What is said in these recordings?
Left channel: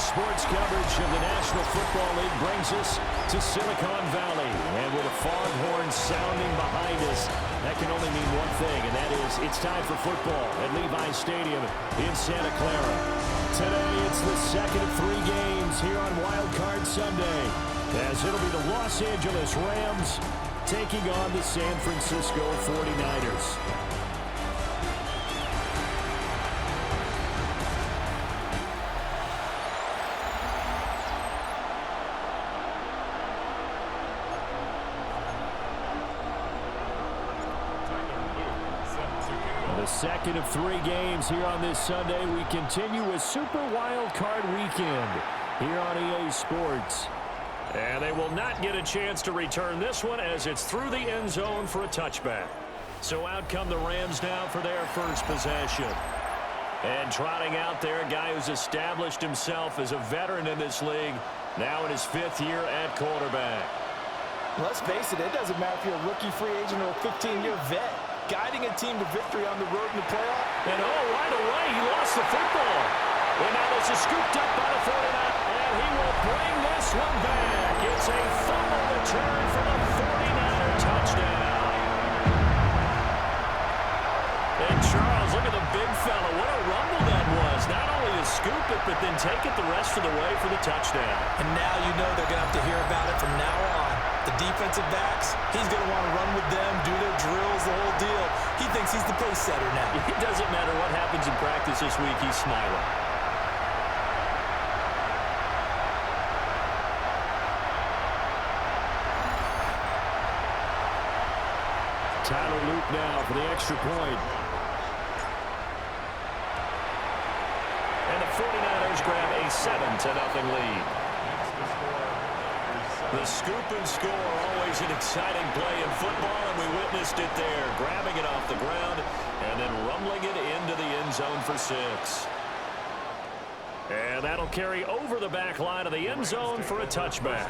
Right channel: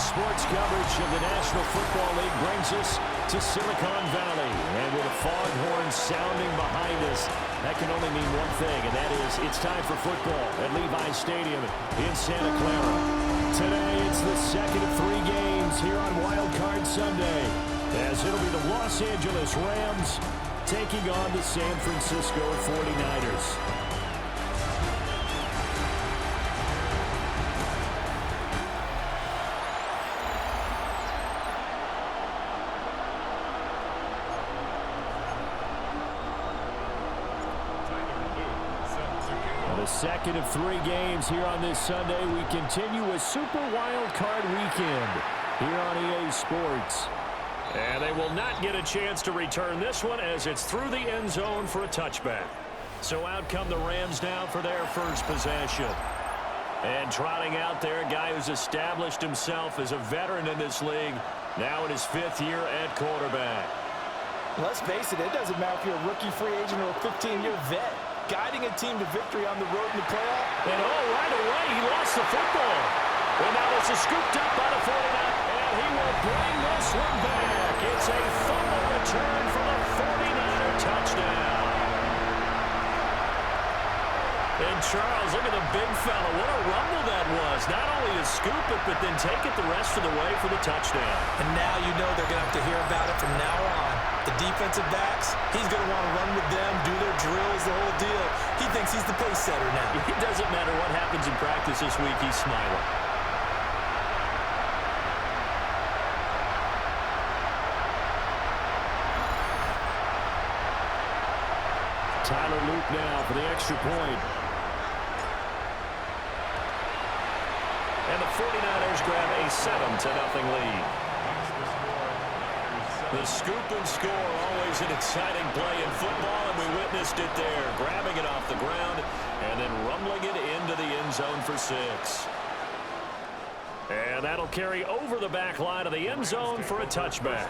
sports coverage of the National Football League brings us to Silicon Valley. And with a foghorn sounding behind us, that can only mean one thing, and that is it's time for football at Levi's Stadium in Santa Clara. Today, it's the second of 3 games here on Wild Card Sunday, as it'll be the Los Angeles Rams taking on the San Francisco 49ers. The second of 3 games here on this Sunday. We continue with Super Wild Card Weekend here on EA Sports. And they will not get a chance to return this one as it's through the end zone for a touchback. So out come the Rams now for their first possession. And trotting out there, a guy who's established himself as a veteran in this league, now in his 5th year at quarterback. Let's face it, it doesn't matter if you're a rookie free agent or a 15-year vet. Guiding a team to victory on the road in the playoff. And right away, he lost the football. And now this is scooped up by the 49ers. And he will bring this one back. It's a fumble return for the 49er touchdown. And Charles, look at the big fella. What a rumble that was. Not only to scoop it, but then take it the rest of the way for the touchdown. And now you know they're going to have to hear about it from now on. The defensive backs, he's going to want to run with them, do their drills, the whole deal. He thinks he's the pace setter now. It doesn't matter what happens in practice this week, he's smiling. Tyler Luke now for the extra point. And the 49ers grab a 7-0 lead. The scoop and score, always an exciting play in football, and we witnessed it there, grabbing it off the ground and then rumbling it into the end zone for 6. And that'll carry over the back line of the end zone for a touchback.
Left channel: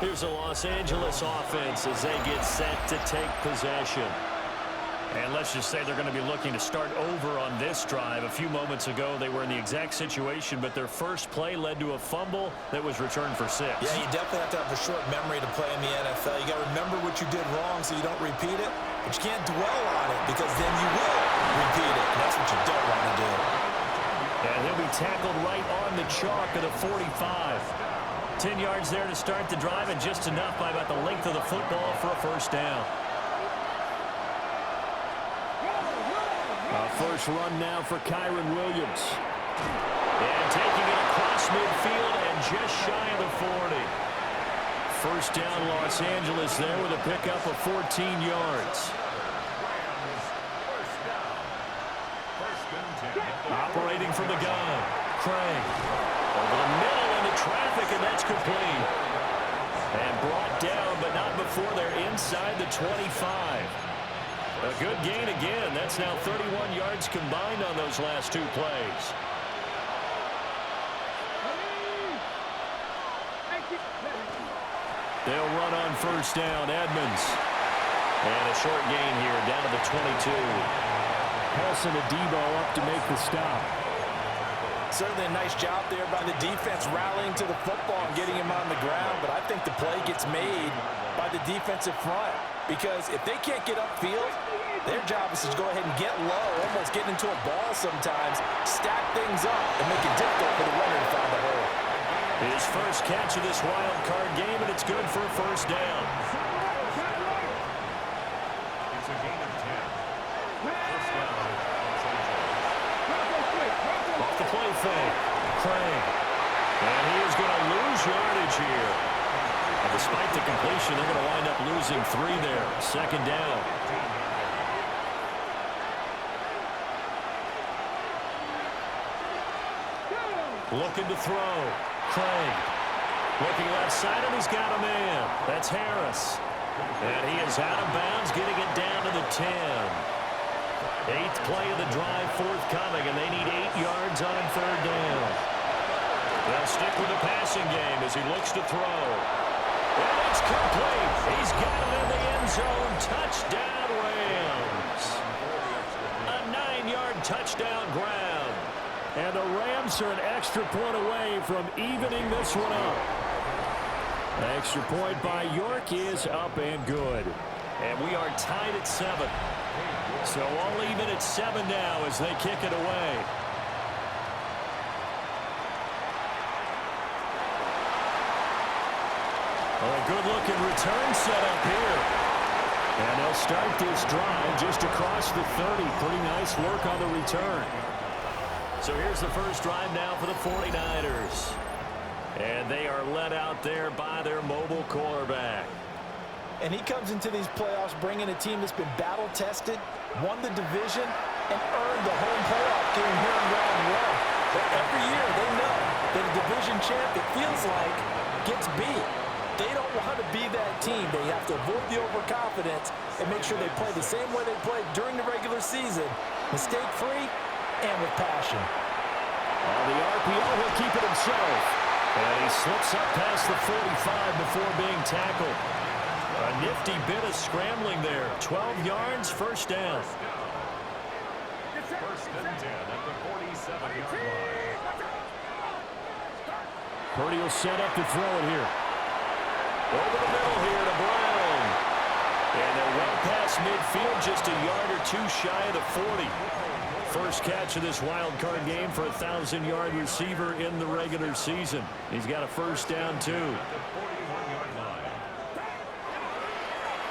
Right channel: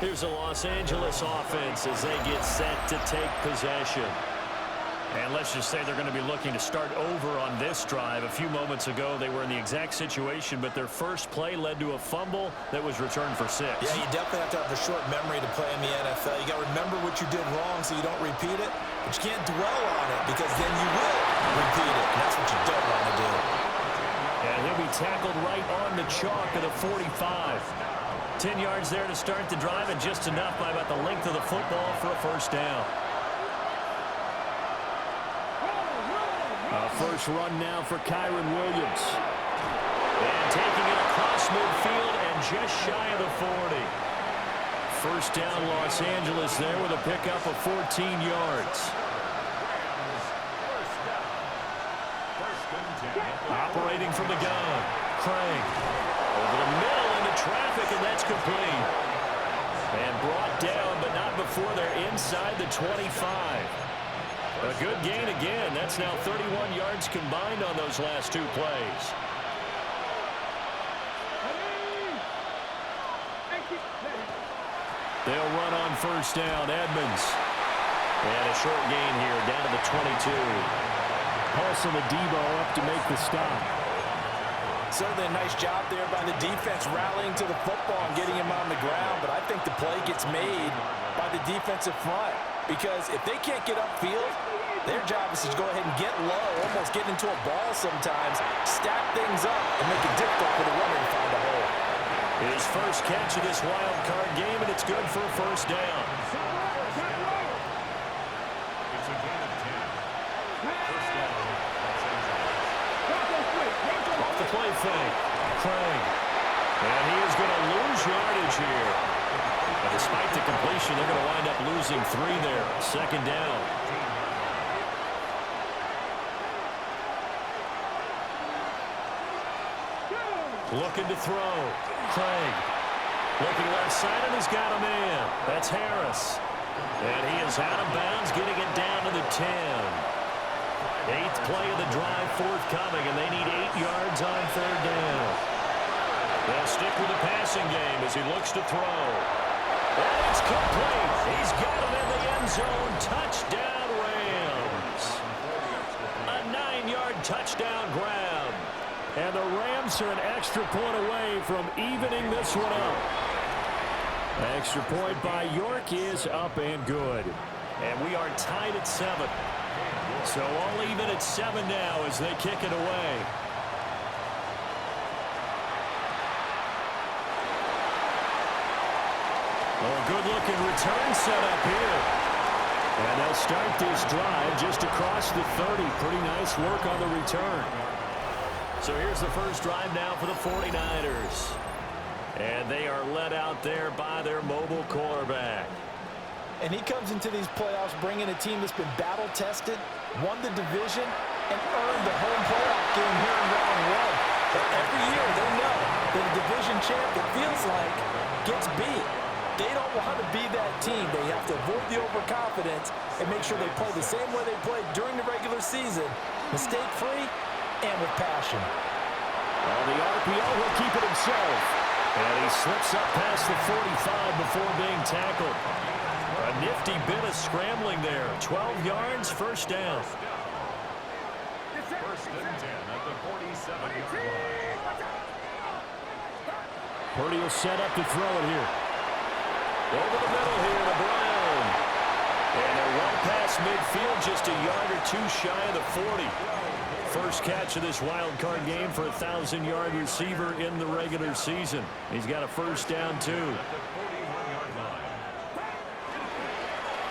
Here's the Los Angeles offense as they get set to take possession. And let's just say they're going to be looking to start over on this drive. A few moments ago, they were in the exact situation, but their first play led to a fumble that was returned for 6. Yeah, you definitely have to have a short memory to play in the NFL. You got to remember what you did wrong so you don't repeat it, but you can't dwell on it because then you will repeat it, and that's what you don't want to do. And he'll be tackled right on the chalk of the 45. 10 yards there to start the drive, and just enough by about the length of the football for a first down. First run now for Kyron Williams. And taking it across midfield and just shy of the 40. First down Los Angeles there with a pickup of 14 yards. Operating from the gun. Craig. Over the middle into traffic, and that's complete. And brought down, but not before they're inside the 25. A good gain again. That's now 31 yards combined on those last 2 plays. They'll run on first down. Edmonds. And a short gain here down to the 22. Paulson Adebo up to make the stop. Certainly a nice job there by the defense rallying to the football and getting him on the ground, but I think the play gets made by the defensive front because if they can't get upfield, their job is to go ahead and get low, almost get into a ball sometimes, stack things up, and make it difficult for the runner to find a hole. His first catch of this wild card game, and it's good for a first down. It's a gain of 10. First down, Los Angeles. Off the play fake. Craig. And he is going to lose yardage here. And despite the completion, they're going to wind up losing 3 there. Second down. Looking to throw. Craig. Looking left side, and he's got a man. That's Harris. And he is out of bounds, getting it down to the 10. 8th play of the drive forthcoming, and they need 8 yards on third down. They'll stick with the passing game as he looks to throw. And it's complete. He's got it in the end zone. Touchdown, Rams. A 9-yard touchdown grab. And the Rams are an extra point away from evening this one up. An extra point by York is up and good. And we are tied at 7. So all even at 7 now as they kick it away. Oh, a good-looking return set up here. And they'll start this drive just across the 30. Pretty nice work on the return. So here's the first drive now for the 49ers. And they are led out there by their mobile quarterback. And he comes into these playoffs bringing a team that's been battle-tested, won the division, and earned the home playoff game here in round 1. But every year they know that a division champ, it feels like, gets beat. They don't want to be that team. They have to avoid the overconfidence and make sure they play the same way they played during the regular season, mistake-free and with passion. On the RPO, he'll keep it himself. And he slips up past the 45 before being tackled. A nifty bit of scrambling there. 12 yards, first down. First and 10 at the 47-yard line. Purdy will set up to throw it here. Over the middle here to Brown. And they're well past midfield, just a yard or two shy of the 40. First catch of this wild card game for a 1,000-yard receiver in the regular season. He's got a first down, too.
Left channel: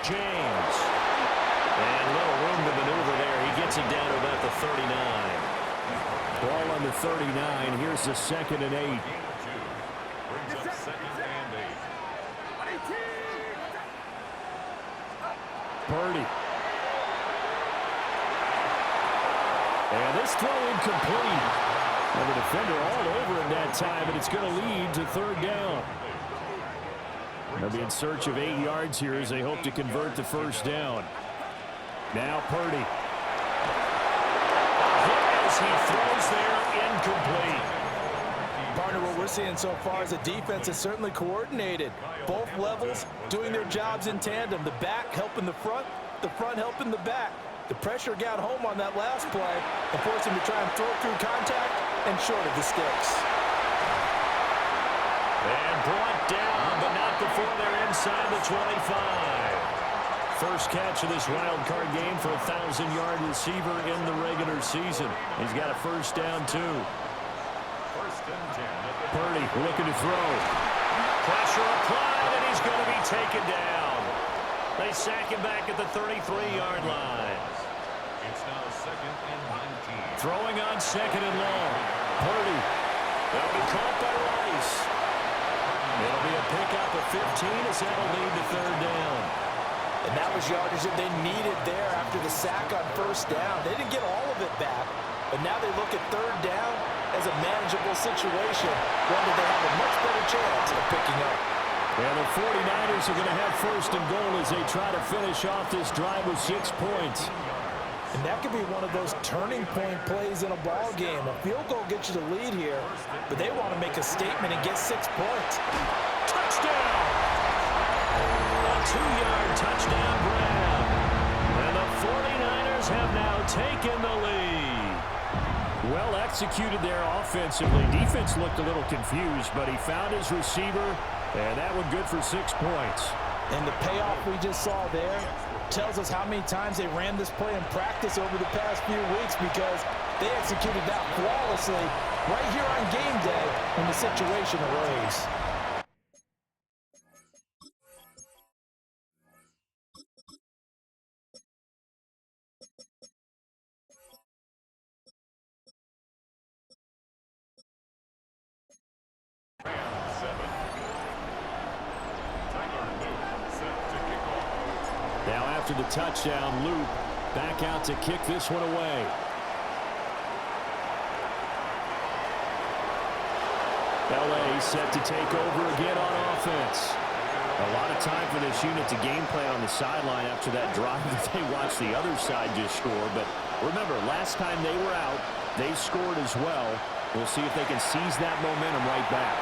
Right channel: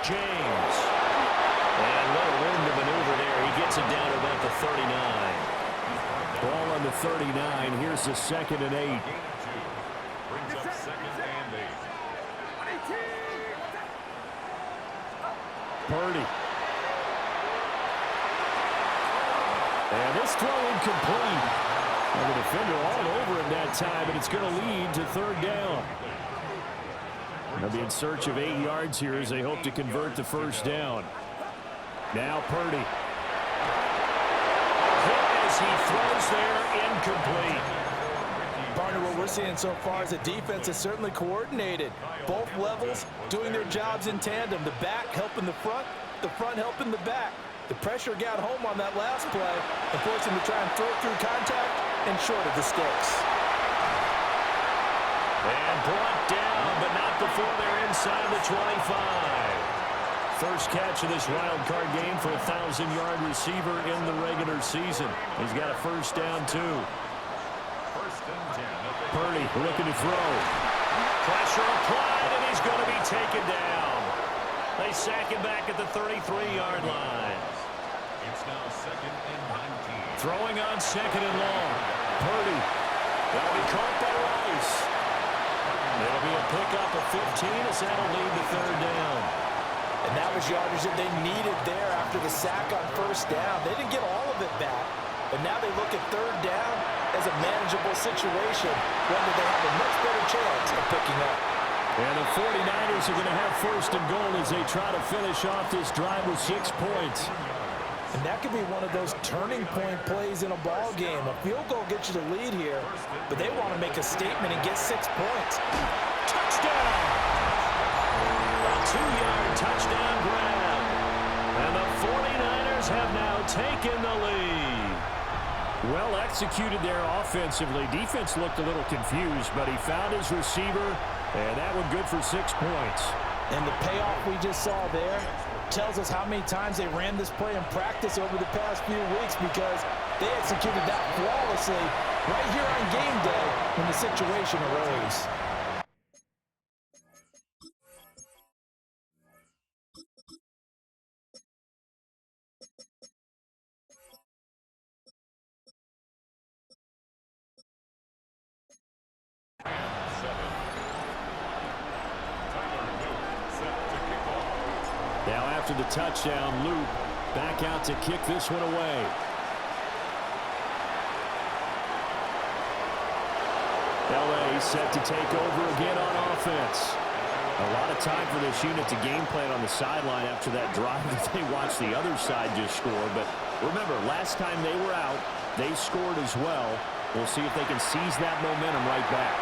James. And little room to maneuver there. He gets it down to about the 39. Ball on the 39. Here's the second and 8. Brings up second and 8. Purdy. And this throw incomplete. And the defender all over him that time, and it's going to lead to third down. They'll be in search of 8 yards here as they hope to convert the first down. Now Purdy. Hit as he throws there, incomplete. Partner, what we're seeing so far is the defense is certainly coordinated. Both levels doing their jobs in tandem. The back helping the front helping the back. The pressure got home on that last play and forced him to try and throw through contact and short of the sticks. And brought down, but not before they're inside the 25. First catch of this wild card game for a 1,000-yard receiver in the regular season. He's got a first down, too. First and 10 at the Purdy looking to throw. Pressure applied, and he's going to be taken down. They sack him back at the 33-yard line. It's now second and 19. Throwing on second and long. Purdy. That'll be caught by Rice. It'll be a pickup of 15 as that'll lead to third down. And that was yardage that they needed there after the sack on first down. They didn't get all of it back, but now they look at third down as a manageable situation, one that they have a much better chance of picking up. And the 49ers are going to have first and goal as they try to finish off this drive with 6 points. And that could be one of those turning point plays in a ball game. A field goal gets you the lead here, but they want to make a statement and get 6 points. Touchdown! A 2-yard touchdown grab. And the 49ers have now taken the lead. Well executed there offensively. Defense looked a little confused, but he found his receiver, and that one good for 6 points. And the payoff we just saw there tells us how many times they ran this play in practice over the past few weeks, because they executed that flawlessly right here on game day when the situation arose. Now after the touchdown, Loop back out to kick this one away. LA set to take over again on offense. A lot of time for this unit to game plan on the sideline after that drive that they watched the other side just score. But remember, last time they were out, they scored as well. We'll see if they can seize that momentum right back.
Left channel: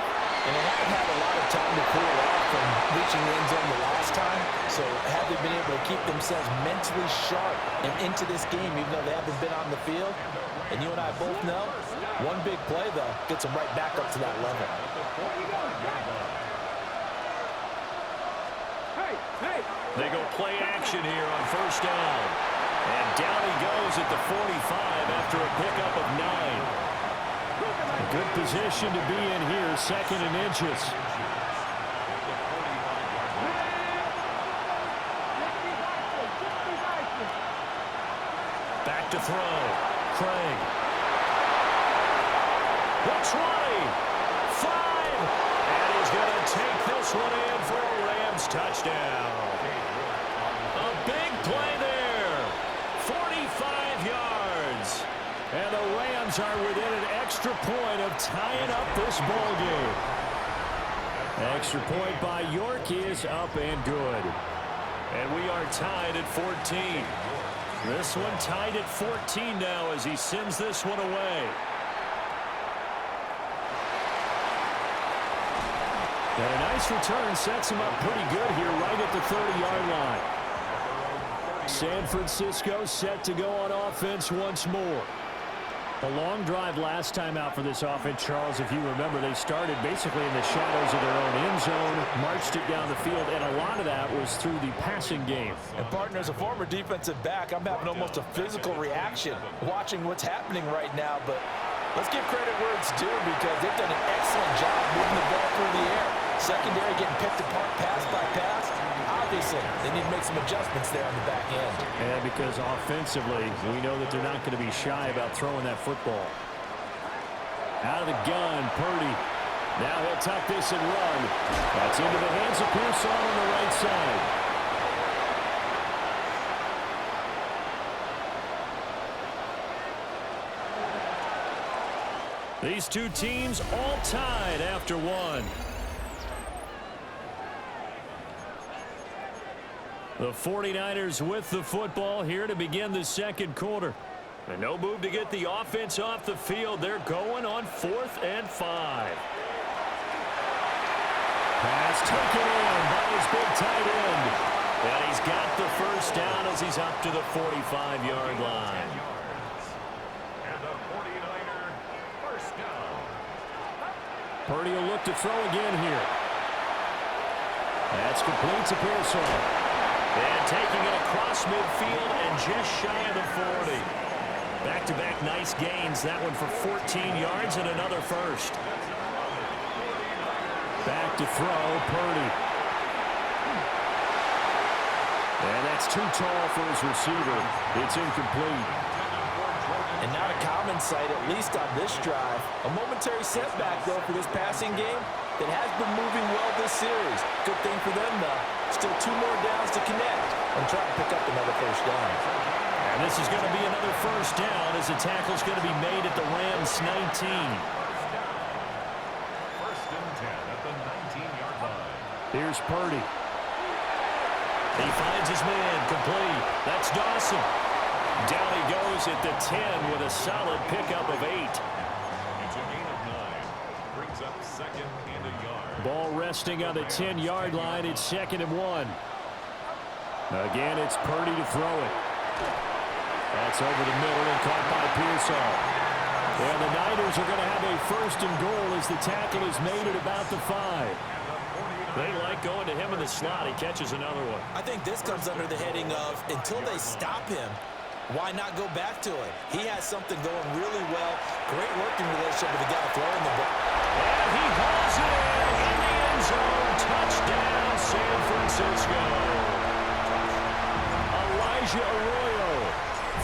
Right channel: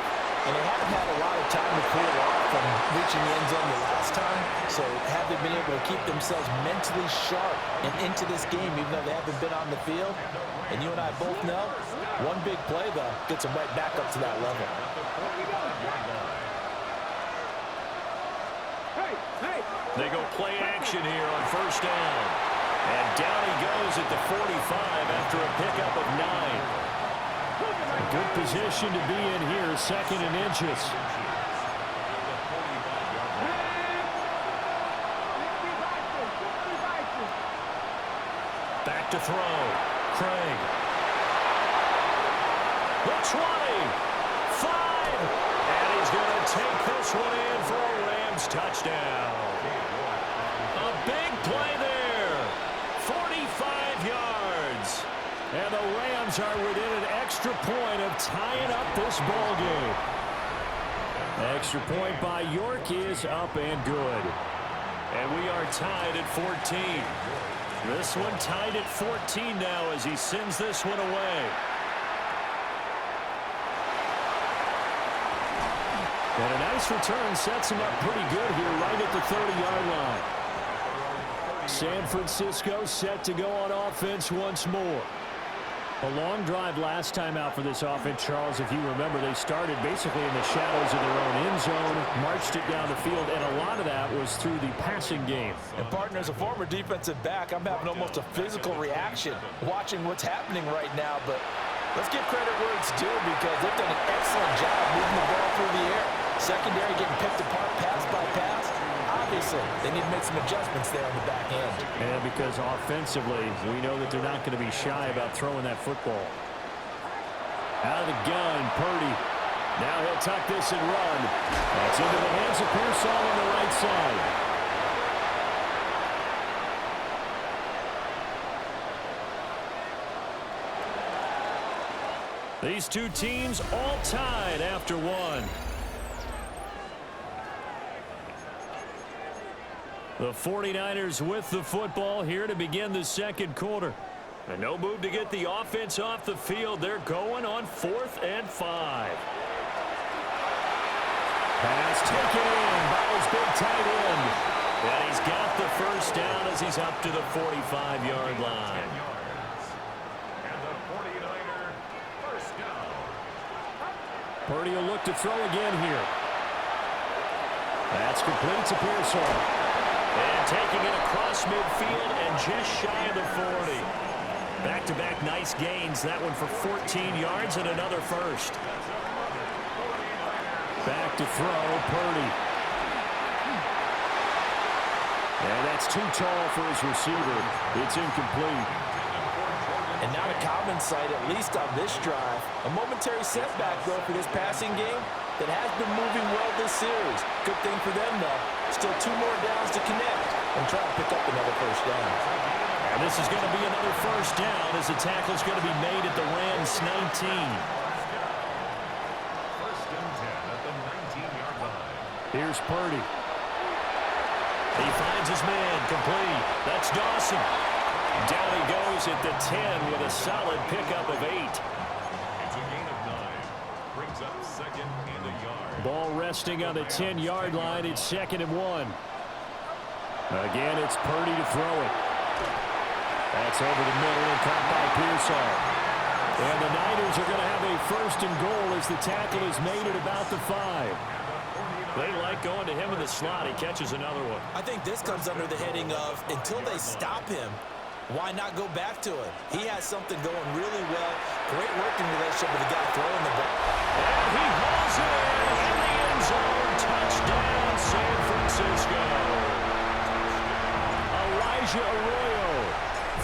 And they haven't had a lot of time to cool off from reaching the end zone the last time. So have they been able to keep themselves mentally sharp and into this game, even though they haven't been on the field? And you and I both know, one big play, though, gets them right back up to that level. They go play action here on first down. And down he goes at the 45 after a pickup of 9. A good position to be in here, 2nd and inches. Back to throw. Craig. The 20. 5. And he's going to take this one in for a Rams touchdown. A big play there. 45 yards. And the Rams are within an extra point of tying up this ball game. Extra point by York is up and good. And we are tied at 14. This one tied at 14 now as he sends this one away. And a nice return sets him up pretty good here right at the 30-yard line. San Francisco set to go on offense once more. A long drive last time out for this offense, Charles. If you remember, they started basically in the shadows of their own end zone, marched it down the field, and a lot of that was through the passing game. And, partner, as a former defensive back, I'm having almost a physical reaction watching what's happening right now. But let's give credit where it's due because they've done an excellent job moving the ball through the air. Secondary getting picked apart pass by pass. Obviously, they need to make some adjustments there on the back end. And because offensively, we know that they're not going to be shy about throwing that football. Out of the gun, Purdy. Now he'll tuck this and run. That's into the hands of Pearsall on the right side. These two teams all tied after one. The 49ers with the football here to begin the second quarter. And no move to get the offense off the field. They're going on 4th and 5. Pass taken in by his big tight end. And he's got the first down as he's up to the 45-yard line. And the 49er first down. Purdy will look to throw again here. That's complete to Pearsall. And taking it across midfield and just shy of the 40. Back-to-back nice gains. That one for 14 yards and another first. Back to throw, Purdy. And that's too tall for his receiver. It's incomplete. And not a common sight, at least on this drive. A momentary setback, though, for this passing game that has been moving well this series. Good thing for them, though. Still 2 more downs to connect and try to pick up another first down. And this is going to be another first down as the tackle's going to be made at the Rams 19. First and 10 at the 19-yard line. Here's Purdy. He finds his man, complete. That's Dawson. Down he goes at the 10 with a solid pickup of 8. It's a gain of 9. Brings up 2nd and a yard. Ball resting on the 10-yard line. It's 2nd and 1. Again, it's Purdy to throw it. That's over the middle and caught by Pearsall. And the Niners are going to have a 1st and goal as the tackle is made at about the 5. They like going to him in the slot. He catches another one. I think this comes under the heading of until they stop him, why not go back to him? He has something going really well. Great working relationship with the guy throwing the ball. And he hauls it in the end zone. Touchdown, San Francisco. Elijah Arroyo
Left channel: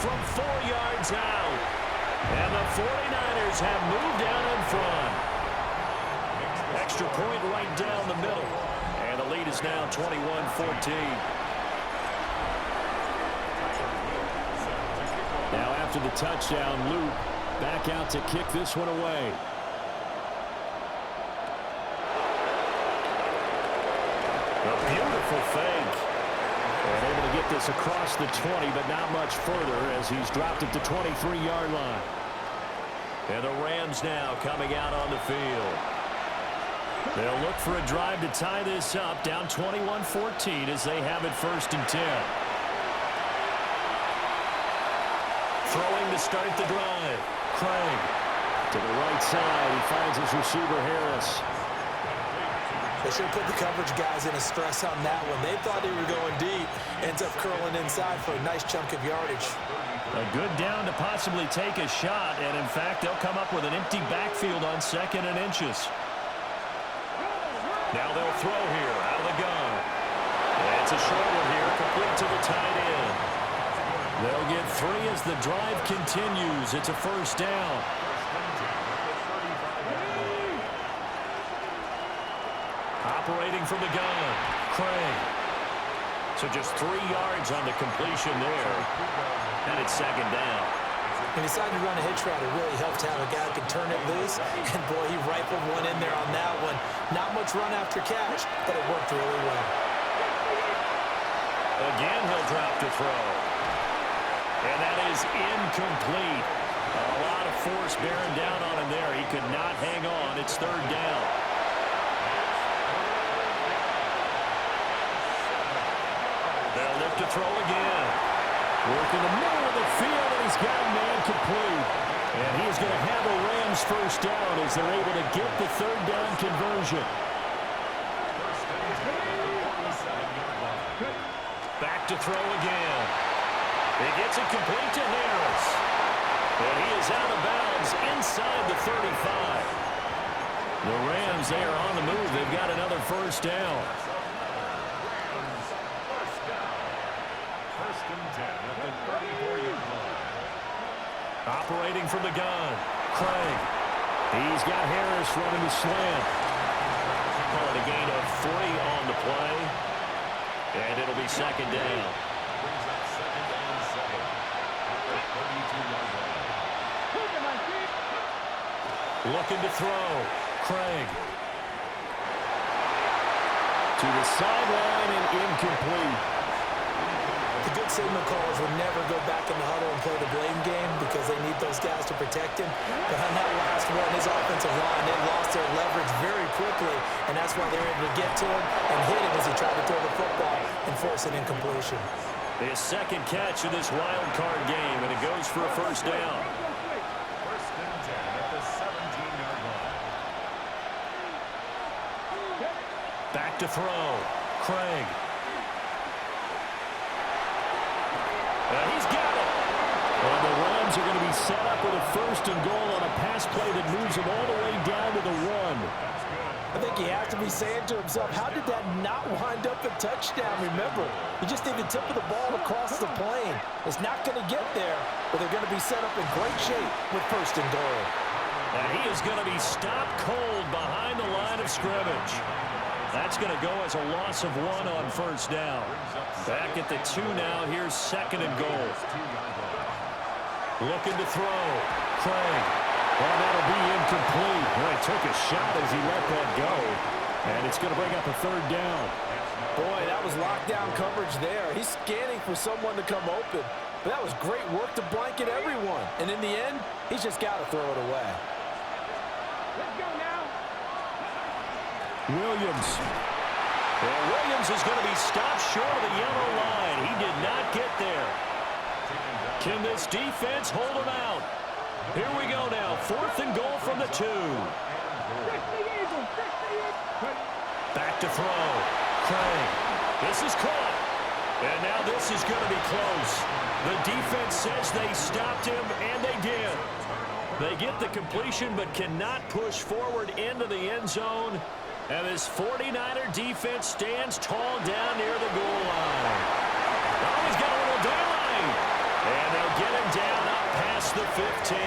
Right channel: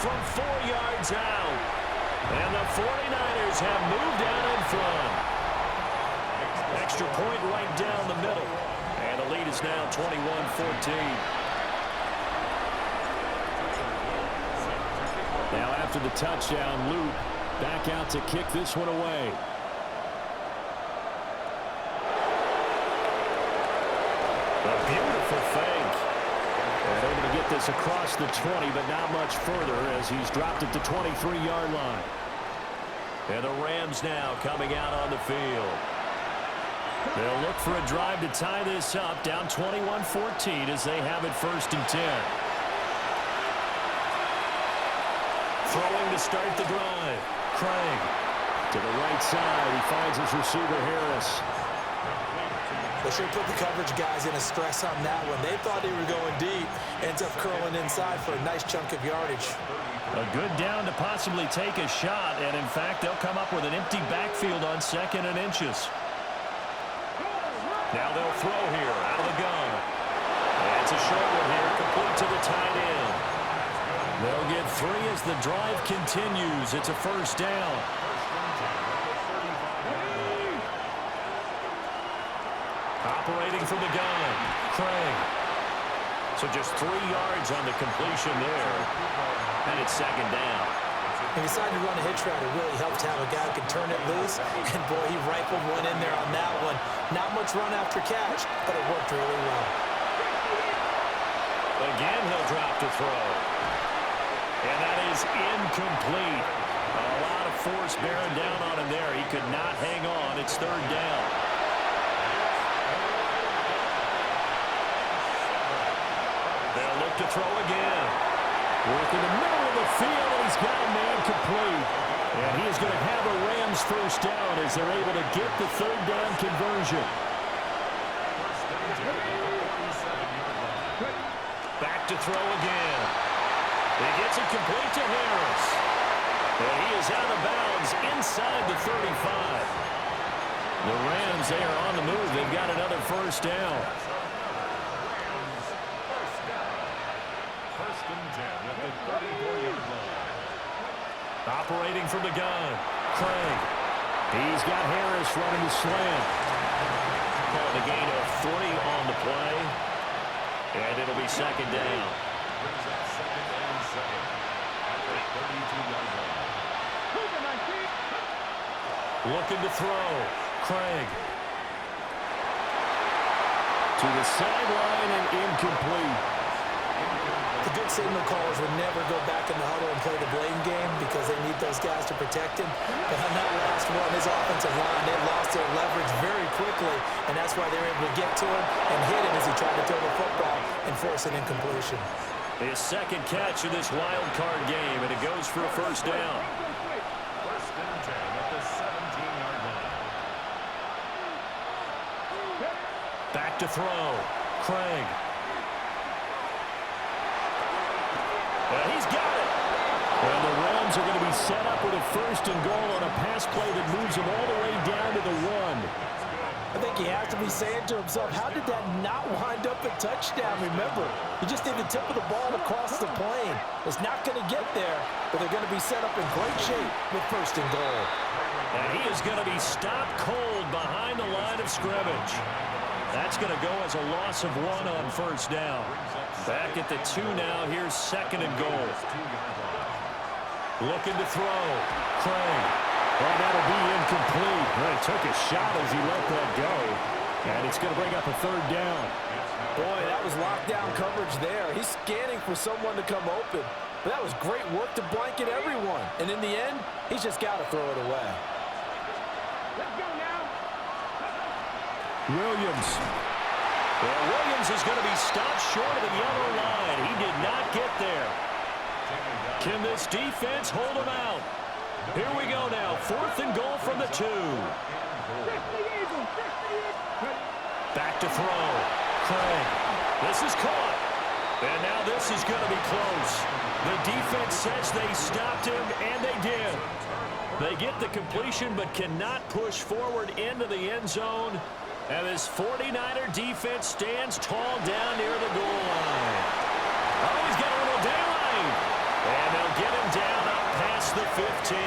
from 4 yards out. And the 49ers have moved out in front. Extra point right down the middle. And the lead is now 21-14. Now after the touchdown, Luke back out to kick this one away. A beautiful fake. And able to get this across the 20, but not much further as he's dropped at the 23-yard line. And the Rams now coming out on the field. They'll look for a drive to tie this up, down 21-14 as they have it 1st and 10. Throwing to start the drive. Craig to the right side. He finds his receiver, Harris. They should have put the coverage guys in a stress on that one. They thought they were going deep. Ends up curling inside for a nice chunk of yardage. A good down to possibly take a shot, and in fact, they'll come up with an empty backfield on 2nd and inches. Now they'll throw here out of the gun. And it's a short one here, complete to the tight end. They'll get 3 as the drive continues. It's a 1st down. Operating from the gun, Craig. So just 3 yards on the completion there. And it's 2nd down. He decided to run a hitch route. It really helps to have a guy who can turn it loose. And, boy, he rifled one in there on that one. Not much run after catch, but it worked really well. Again, he'll drop to throw. And that is incomplete. A lot of force bearing down on him there. He could not hang on. It's 3rd down. They'll look to throw again. Work in the middle of the field, and he's got a man complete. And he is going to have a Rams 1st down as they're able to get the 3rd down conversion. Back to throw again. He gets it complete to Harris. And he is out of bounds inside the 35. The Rams, they are on the move. They've got another 1st down. Operating from the gun, Craig. He's got Harris running the slant. Calling a gain of 3 on the play. And it'll be 2nd down. Brings up 2nd and 7 at the 32-yard line. Looking to throw, Craig. To the sideline and incomplete. The good signal callers would never go back in the huddle and play the blame game because they need those guys to protect him. But on that last one, his offensive line, they lost their leverage very quickly, and that's why they were able to get to him and hit him as he tried to throw the football and force an incompletion. His 2nd catch of this wild card game, and it goes for a 1st down. 1st and 10 at the 17-yard line. Back to throw, Craig. And he's got it. And the Rams are going to be set up with a 1st and goal on a pass play that moves them all the way down to the 1. I think he has to be saying to himself, how did that not wind up a touchdown? Remember, he just need the tip of the ball across the plane. It's not going to get there, but they're going to be set up in great shape with 1st and goal. And he is going to be stopped cold behind the line of scrimmage. That's going to go as a loss of 1 on 1st down. Back at the 2 now. Here's 2nd and goal. Looking to throw. Craig. Well, that'll be incomplete. Well, he took a shot as he let that go. And it's going to bring up a 3rd down. Boy, that was lockdown coverage there. He's scanning for someone to come open. But that was great work to blanket everyone. And in the end, he's just got to throw it away. Let's go now. Williams. And Williams is going to be stopped short of the yellow line. He did not get there. Can this defense hold him out? Here we go now. 4th and goal from the 2. Back to throw. Craig. This is caught. And now this is going to be close. The defense says they stopped him, and they did. They get the completion but cannot push forward into the end zone. And this 49er defense stands tall down near the goal line. Oh, he's got a little daylight. And they'll get him down up past the 15.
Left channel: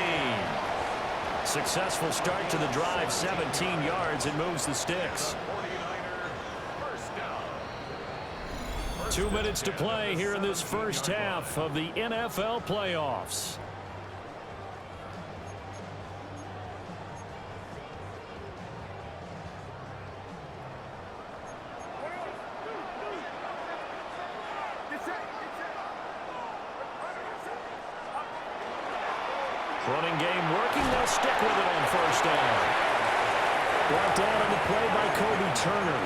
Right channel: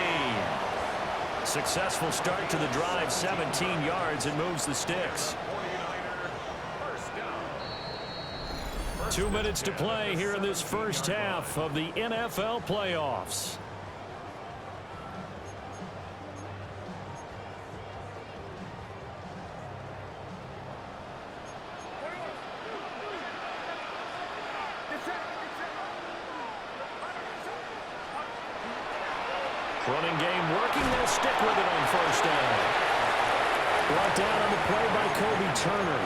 Successful start to the drive, 17 yards, and moves the sticks. 2 minutes to play here in this 1st half of the NFL playoffs. Running game working. They'll stick with it on 1st down. Brought down on the play by Kobe Turner.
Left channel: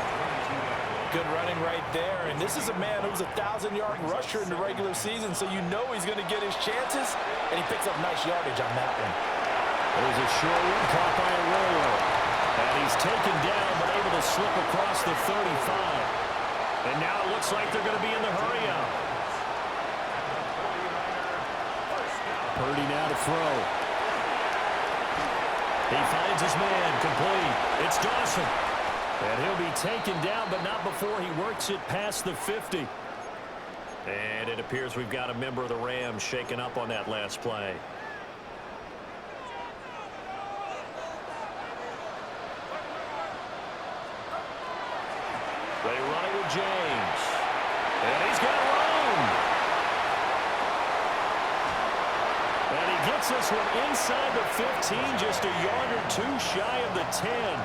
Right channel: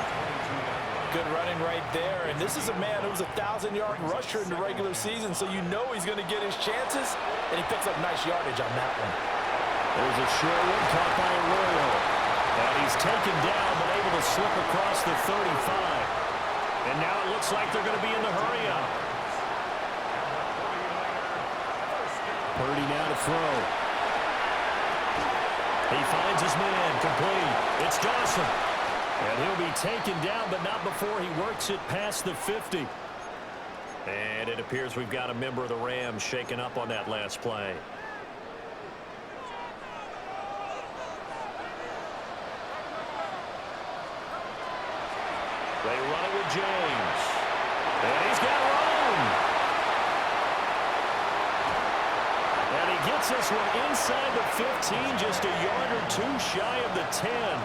Good running right there, and this is a man who was a 1,000-yard rusher in the regular season, so you know he's going to get his chances, and he picks up nice yardage on that one. There's a short one caught by Arroyo. And he's taken down, but able to slip across the 35. And now it looks like they're going to be in the hurry-up. Purdy now to throw. He finds his man, complete. It's Dawson. And he'll be taken down, but not before he works it past the 50. And it appears we've got a member of the Rams shaken up on that last play. They run it with James. And he's got room. And he gets this one inside the 15, just a yard or two shy of the 10.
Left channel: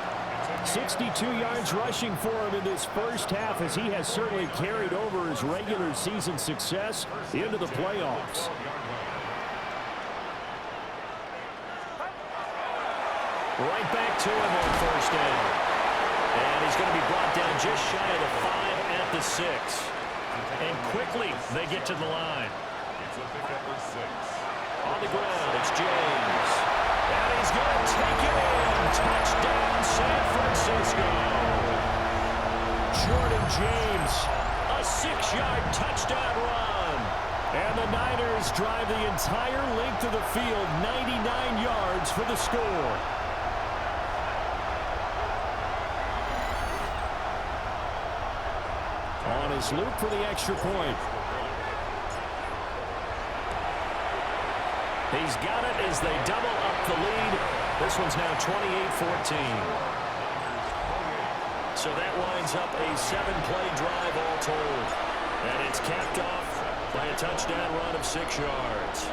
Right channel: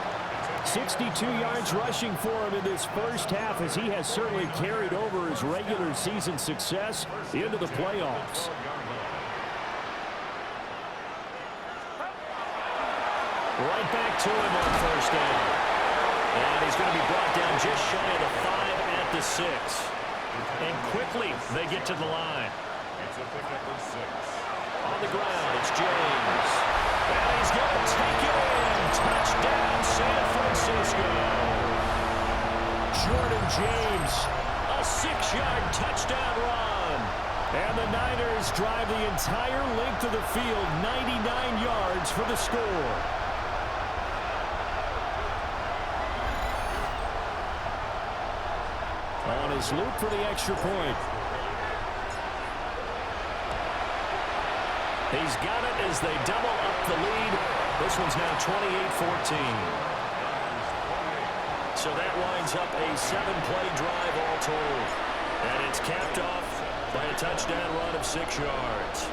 62 yards rushing for him in this first half, as he has certainly carried over his regular season success into the playoffs. Right back to him on first down. And he's going to be brought down just shy of the 5 at the 6. And quickly they get to the line. It's a pickup of 6. On the ground, it's James. And he's going to take it in. Touchdown, San Francisco. Jordan James, a 6-yard touchdown run. And the Niners drive the entire length of the field, 99 yards for the score. On his loop for the extra point. He's got it as they double up the lead. This one's now 28-14. So that winds up a 7-play drive all told. And it's capped off by a touchdown run of 6 yards.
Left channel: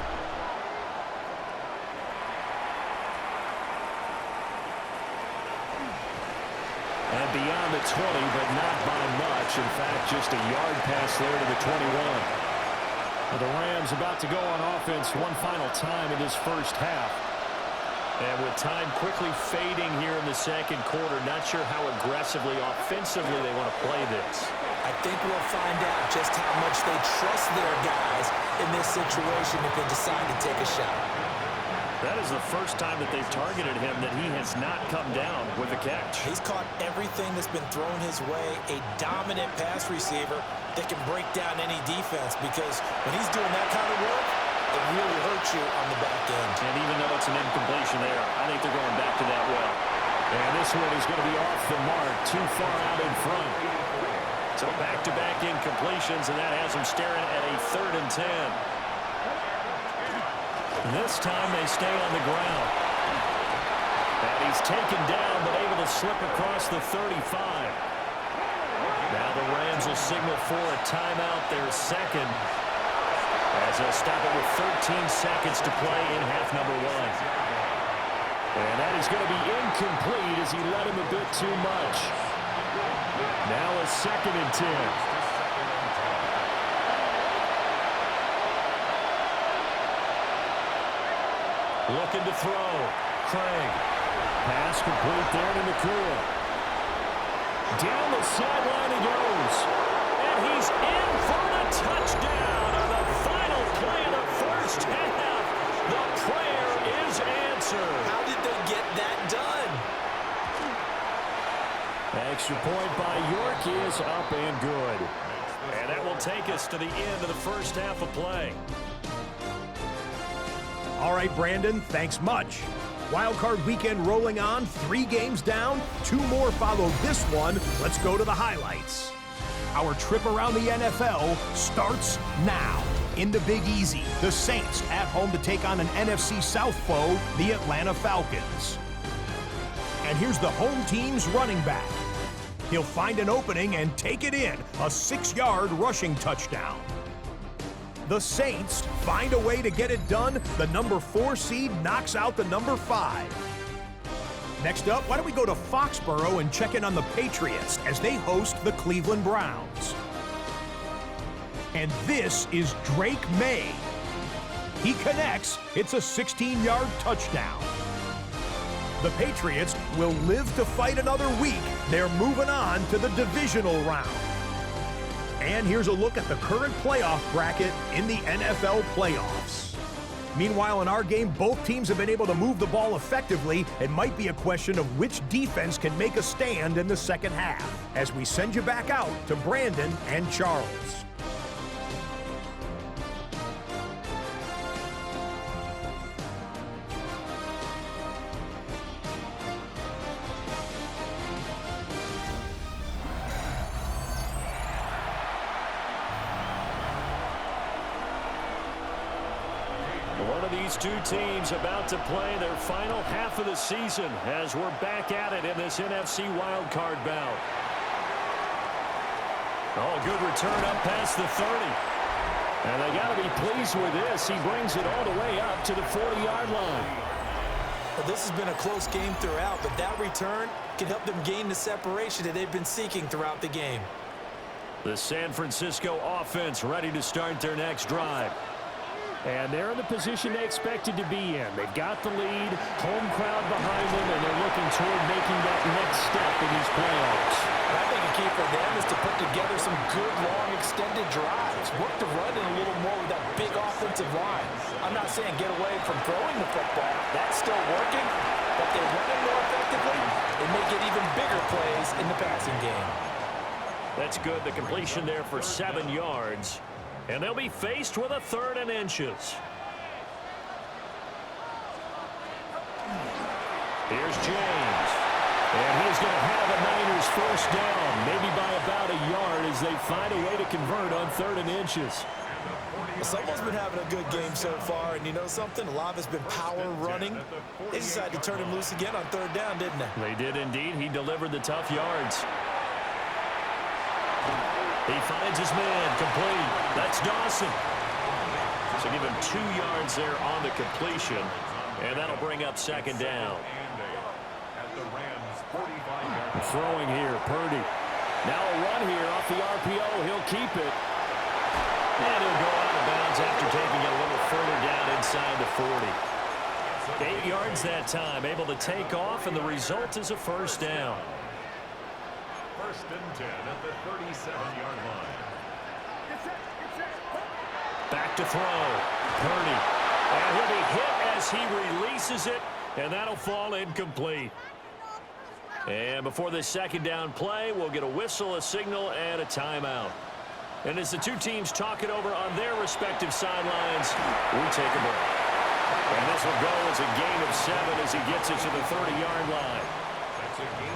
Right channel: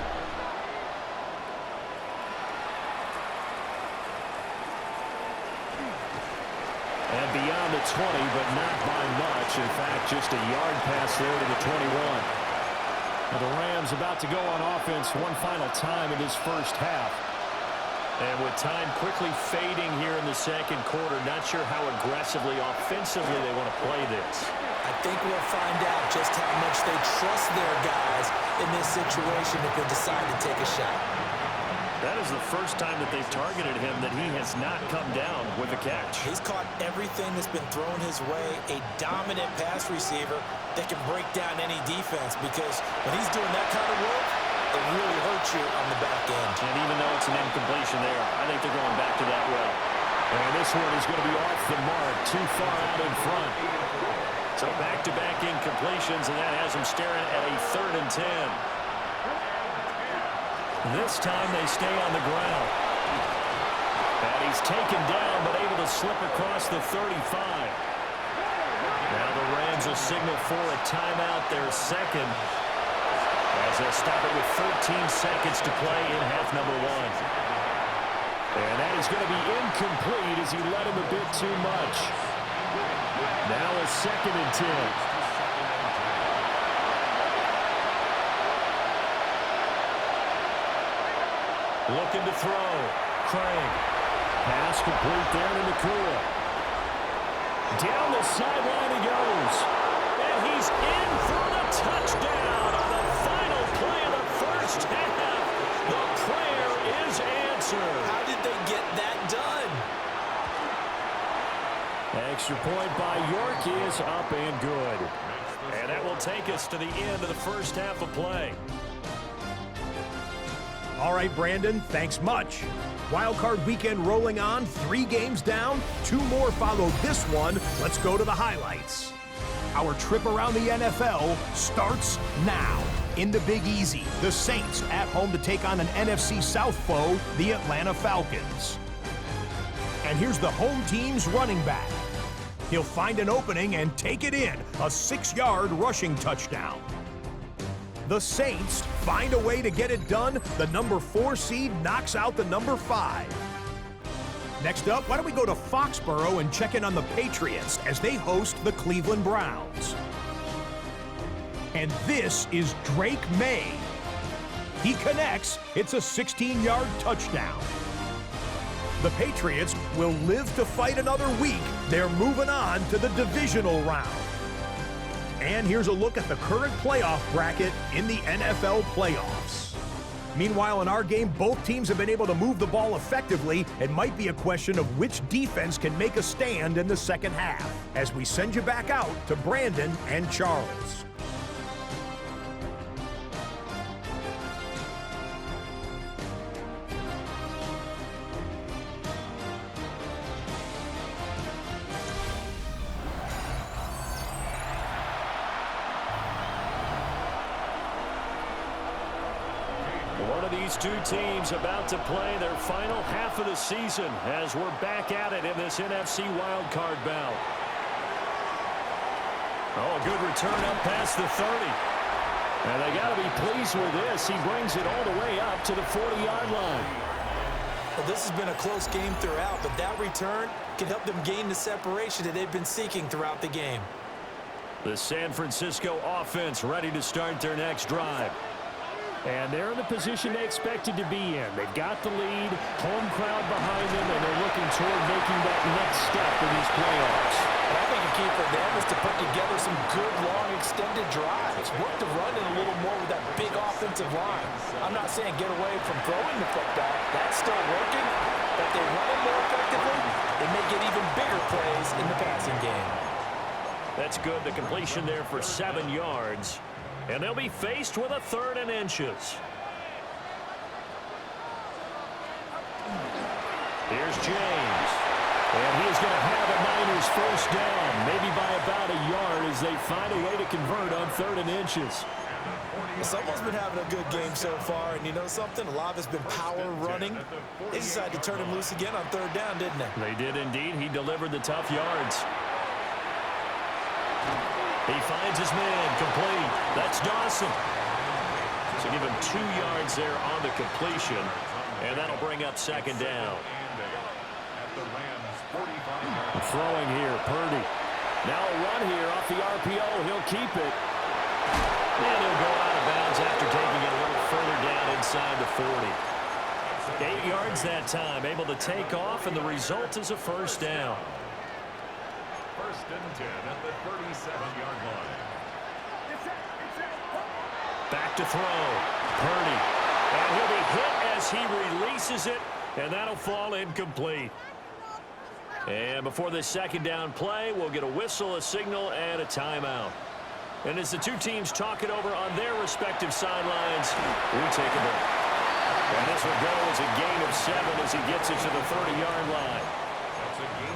And beyond the 20, but not by much. In fact, just a yard pass there to the 21. Now the Rams about to go on offense one final time in this first half. And with time quickly fading here in the second quarter, not sure how aggressively, offensively they want to play this. I think we'll find out just how much they trust their guys in this situation if they decide to take a shot. That is the first time that they've targeted him that he has not come down with a catch. He's caught everything that's been thrown his way, a dominant pass receiver that can break down any defense, because when he's doing that kind of work, it really hurts you on the back end. And even though it's an incompletion there, I think they're going back to that well. And this one is going to be off the mark, too far out in front. So back-to-back incompletions, and that has them staring at a 3rd and 10. This time they stay on the ground. And he's taken down, but able to slip across the 35. Now the Rams will signal for a timeout, their second, as they'll stop it with 13 seconds to play in half number 1. And that is going to be incomplete as he led him a bit too much. Now a 2nd and 10. Looking to throw. Craig. Pass complete there to Nakua. Down the sideline he goes. And he's in for the touchdown on the final play of the first half. The prayer is answered. How did they get that done? Extra point by York is up and good. And that will take us to the end of the first half of play. All right, Brandon, thanks much. Wild Card weekend rolling on, 3 games down, 2 more follow this one. Let's go to the highlights. Our trip around the NFL starts now. In the Big Easy, the Saints at home to take on an NFC South foe, the Atlanta Falcons. And here's the home team's running back. He'll find an opening and take it in, a 6-yard rushing touchdown. The Saints find a way to get it done. The number 4 seed knocks out the number 5. Next up, why don't we go to Foxborough and check in on the Patriots as they host the Cleveland Browns. And this is Drake May. He connects. It's a 16-yard touchdown. The Patriots will live to fight another week. They're moving on to the divisional round. And here's a look at the current playoff bracket in the NFL playoffs. Meanwhile, in our game, both teams have been able to move the ball effectively. It might be a question of which defense can make a stand in the second half. As we send you back out to Brandon and Charles. One of these two teams about to play their final half of the season as we're back at it in this NFC wildcard bout. Oh, good return up past the 30. And they got to be pleased with this. He brings it all the way up to the 40-yard line. Well, this has been a close game throughout, but that return can help them gain the separation that they've been seeking throughout the game. The San Francisco offense ready to start their next drive. And they're in the position they expected to be in. They've got the lead, home crowd behind them, and they're looking toward making that next step in these playoffs. And I think a key for them is to put together some good, long, extended drives. Work the run in a little more with that big offensive line. I'm not saying get away from throwing the football. That's still working. But they run it more effectively, they may get even bigger plays in the passing game. That's good. The completion there for 7 yards. And they'll be faced with a 3rd and inches. Here's James. And he is going to have a Niners first down, maybe by about a yard as they find a way to convert on 3rd and inches. Someone's been having a good game so far, and you know something? A lot of it's been power running. They decided to turn him loose again on 3rd down, didn't they? They did indeed. He delivered the tough yards. He finds his man, complete. That's Dawson. So give him 2 yards there on the completion, and that'll bring up 2nd down. Throwing here, Purdy. Now a run here off the RPO. He'll keep it. And he'll go out of bounds after taking it a little further down inside the 40. 8 yards that time, able to take off, and the result is a first down. 1st and 10 at the 37-yard line. Back to throw. Purdy. And he'll be hit as he releases it, and that'll fall incomplete. And before this 2nd down play, we'll get a whistle, a signal, and a timeout. And as the two teams talk it over on their respective sidelines, we take a break. And this will go as a gain of 7 as he gets it to the 30-yard line.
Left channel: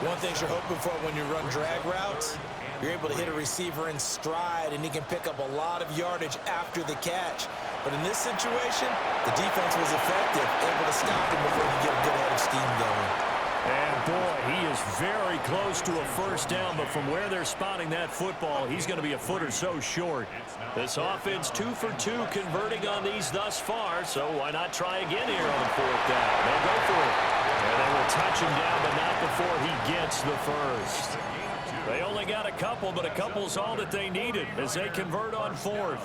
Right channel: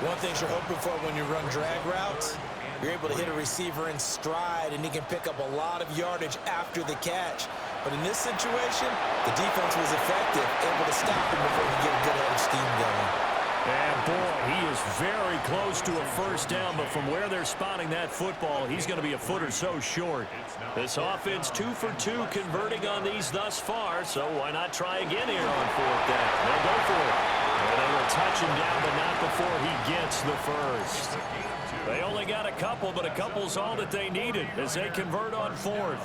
One thing you're hoping for when you run drag routes, you're able to hit a receiver in stride, and he can pick up a lot of yardage after the catch. But in this situation, the defense was effective, able to stop him before he could get a good head of steam going. And boy, he is very close to a first down, but from where they're spotting that football, he's going to be a foot or so short. This offense 2 for 2 converting on these thus far, so why not try again here on 4th down? They'll go for it. And they will touch him down, but not before he gets the first. They only got a couple, but a couple's all that they needed as they convert on 4th.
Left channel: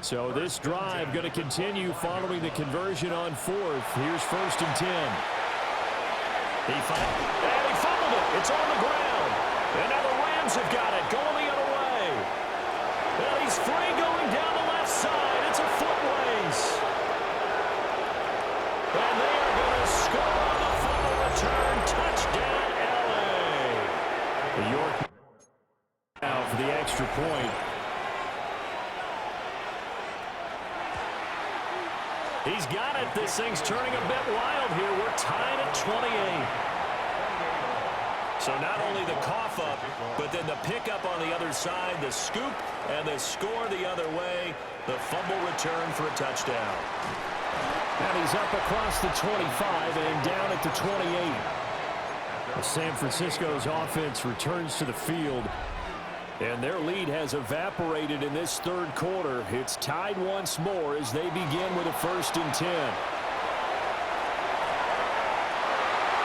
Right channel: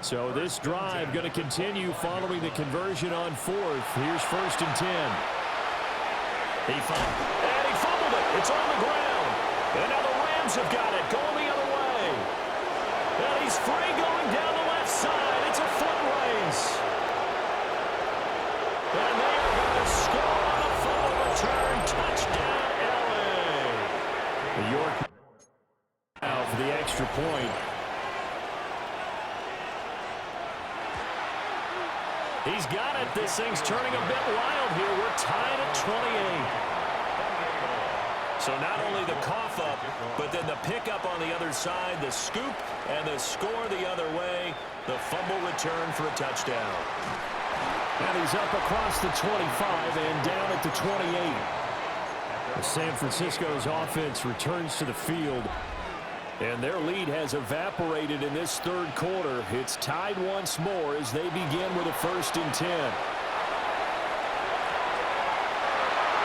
So this drive going to continue following the conversion on 4th. Here's 1st and 10. And he fumbled it. It's on the ground. And now the Rams have got it, going the other way. And he's free going down the left side. It's a foot race. And they are going to score on the fumble return. Touchdown, L.A. York now for the extra point. He's got it. This thing's turning a bit wild here. We're tied at 28. So not only the cough up, but then the pickup on the other side, the scoop, and the score the other way. The fumble return for a touchdown. And he's up across the 25 and down at the 28. San Francisco's offense returns to the field. And their lead has evaporated in this 3rd quarter. It's tied once more as they begin with a 1st and 10.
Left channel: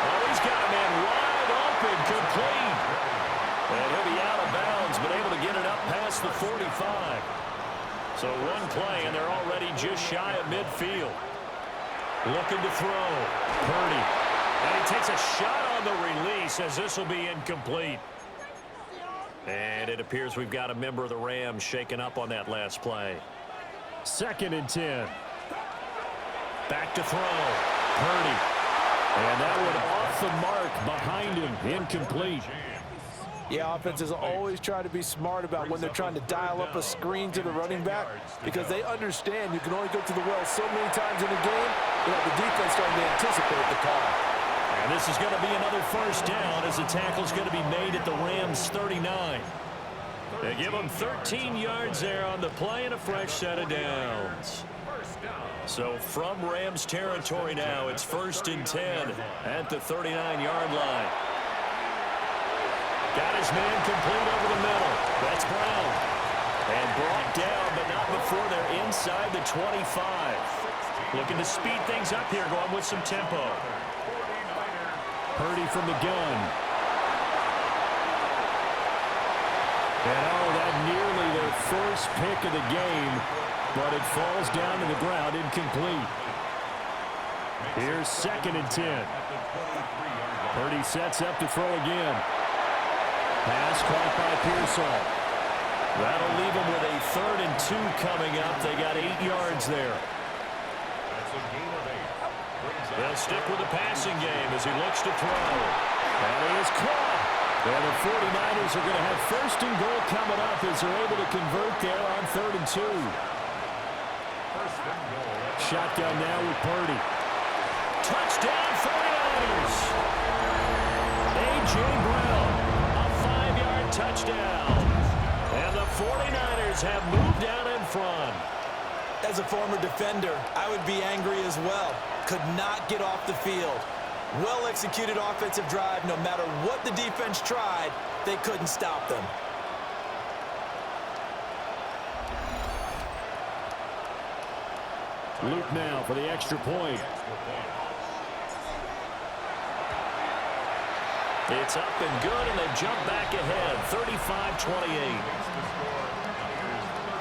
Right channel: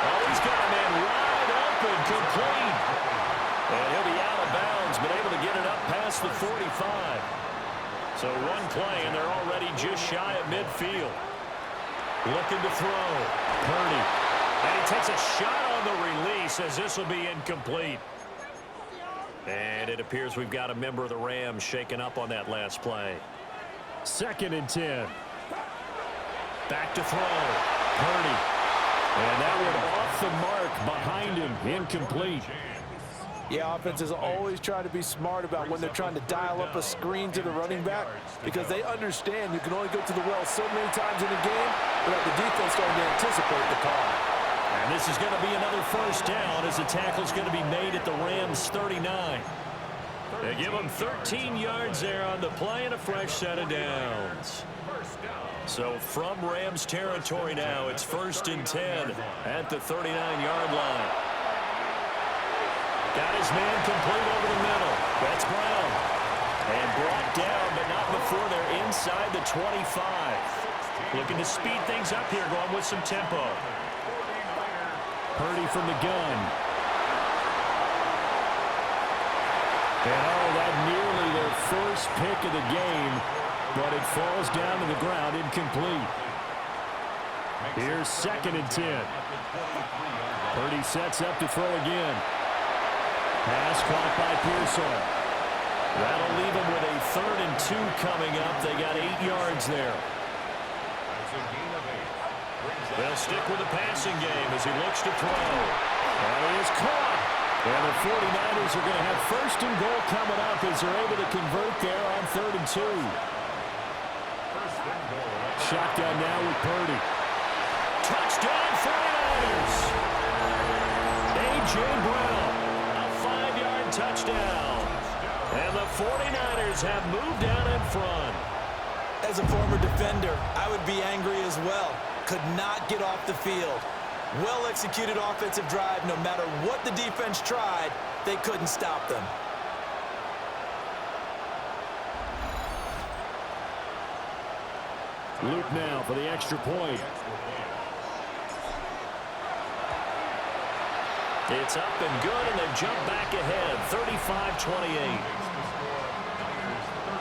Oh, he's got a man wide open, complete. And he'll be out of bounds, but able to get it up past the 45. So one play, and they're already just shy of midfield. Looking to throw. Purdy. And he takes a shot on the release as this will be incomplete. And it appears we've got a member of the Rams shaken up on that last play. 2nd and 10. Back to throw. Purdy. And that one off the mark behind him. Incomplete. Yeah, offenses always try to be smart about when they're trying to dial up a screen to the running back because they understand you can only go to the well so many times in a game without the defense starting to anticipate the call. And this is going to be another first down as the tackle's going to be made at the Rams' 39. They give them 13 yards there on the play and a fresh set of downs. So from Rams territory now, it's 1st and 10 at the 39-yard line. Got his man complete over the middle. That's Brown. And brought down, but not before they're inside the 25. Looking to speed things up here, going with some tempo. Purdy from the gun. And that nearly their first pick of the game, but it falls down to the ground incomplete. Here's 2nd and 10. Purdy sets up to throw again. Pass caught by Pearsall. That'll leave them with a 3rd and 2 coming up. They got 8 yards there. That's a gain of 8. They'll stick with the passing game as he looks to throw. And he is caught. And the 49ers are going to have 1st and goal coming up as they're able to convert there on 3rd and 2. Shotgun now with Purdy. Touchdown 49ers. A.J. Brown, a 5-yard touchdown. And the 49ers have moved down in front. As a former defender, I would be angry as well. Could not get off the field. Well-executed offensive drive. No matter what the defense tried, they couldn't stop them. Luke now for the extra point. It's up and good, and they've jumped back ahead, 35-28.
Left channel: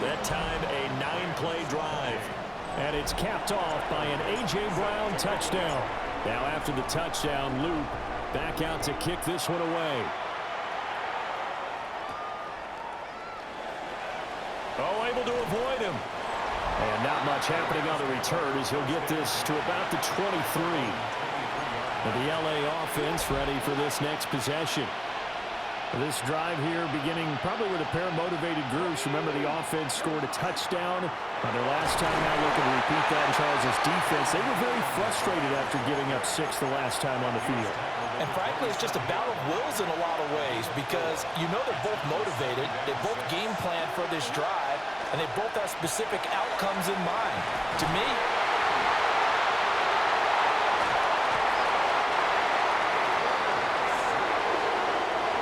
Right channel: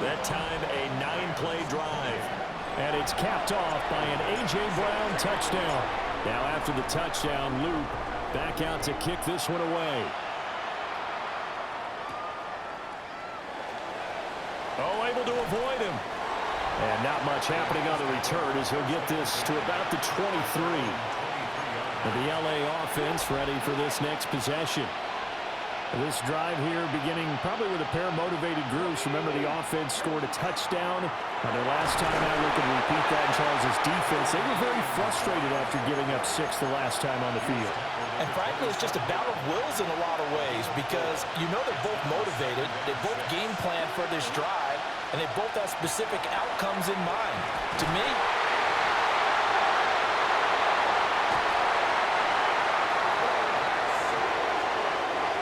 That time, a 9-play drive. And it's capped off by an A.J. Brown touchdown. Now after the touchdown, Luke back out to kick this one away. Oh, able to avoid him. And not much happening on the return as he'll get this to about the 23. And the LA offense ready for this next possession. This drive here beginning probably with a pair of motivated groups. Remember, the offense scored a touchdown on their last time out. Looking to repeat that in Charles' defense. They were very frustrated after giving up 6 the last time on the field. And frankly, it's just a battle of wills in a lot of ways because you know they're both motivated. They both game plan for this drive, and they both have specific outcomes in mind. To me,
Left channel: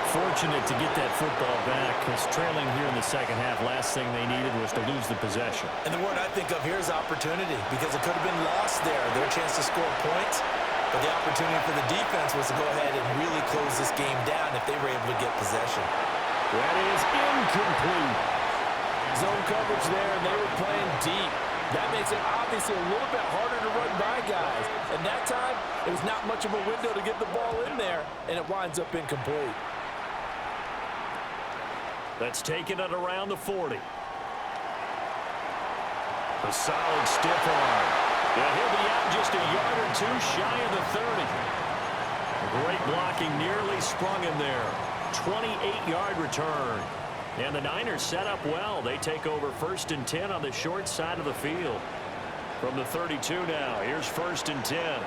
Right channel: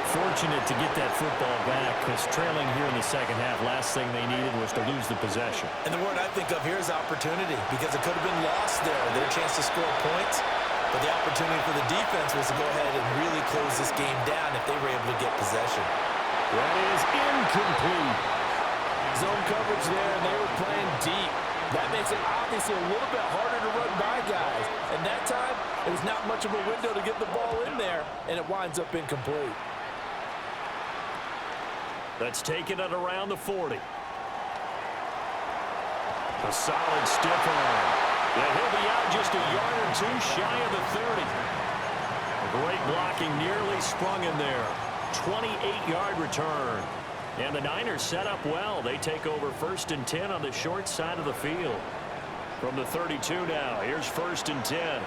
fortunate to get that football back because trailing here in the second half, last thing they needed was to lose the possession. and the word I think of here is opportunity because it could have been lost there, their chance to score points. But the opportunity for the defense was to go ahead and really close this game down if they were able to get possession. That is incomplete. Zone coverage there, and they were playing deep. That makes it obviously a little bit harder to run by guys. And that time, it was not much of a window to get the ball in there, and it winds up incomplete. Let's take it at around the 40. A solid stiff arm. Yeah, he'll be out just a yard or two shy of the 30. A great blocking nearly sprung him there. 28-yard return. And the Niners set up well. They take over 1st and 10 on the short side of the field. From the 32 now, here's 1st and 10.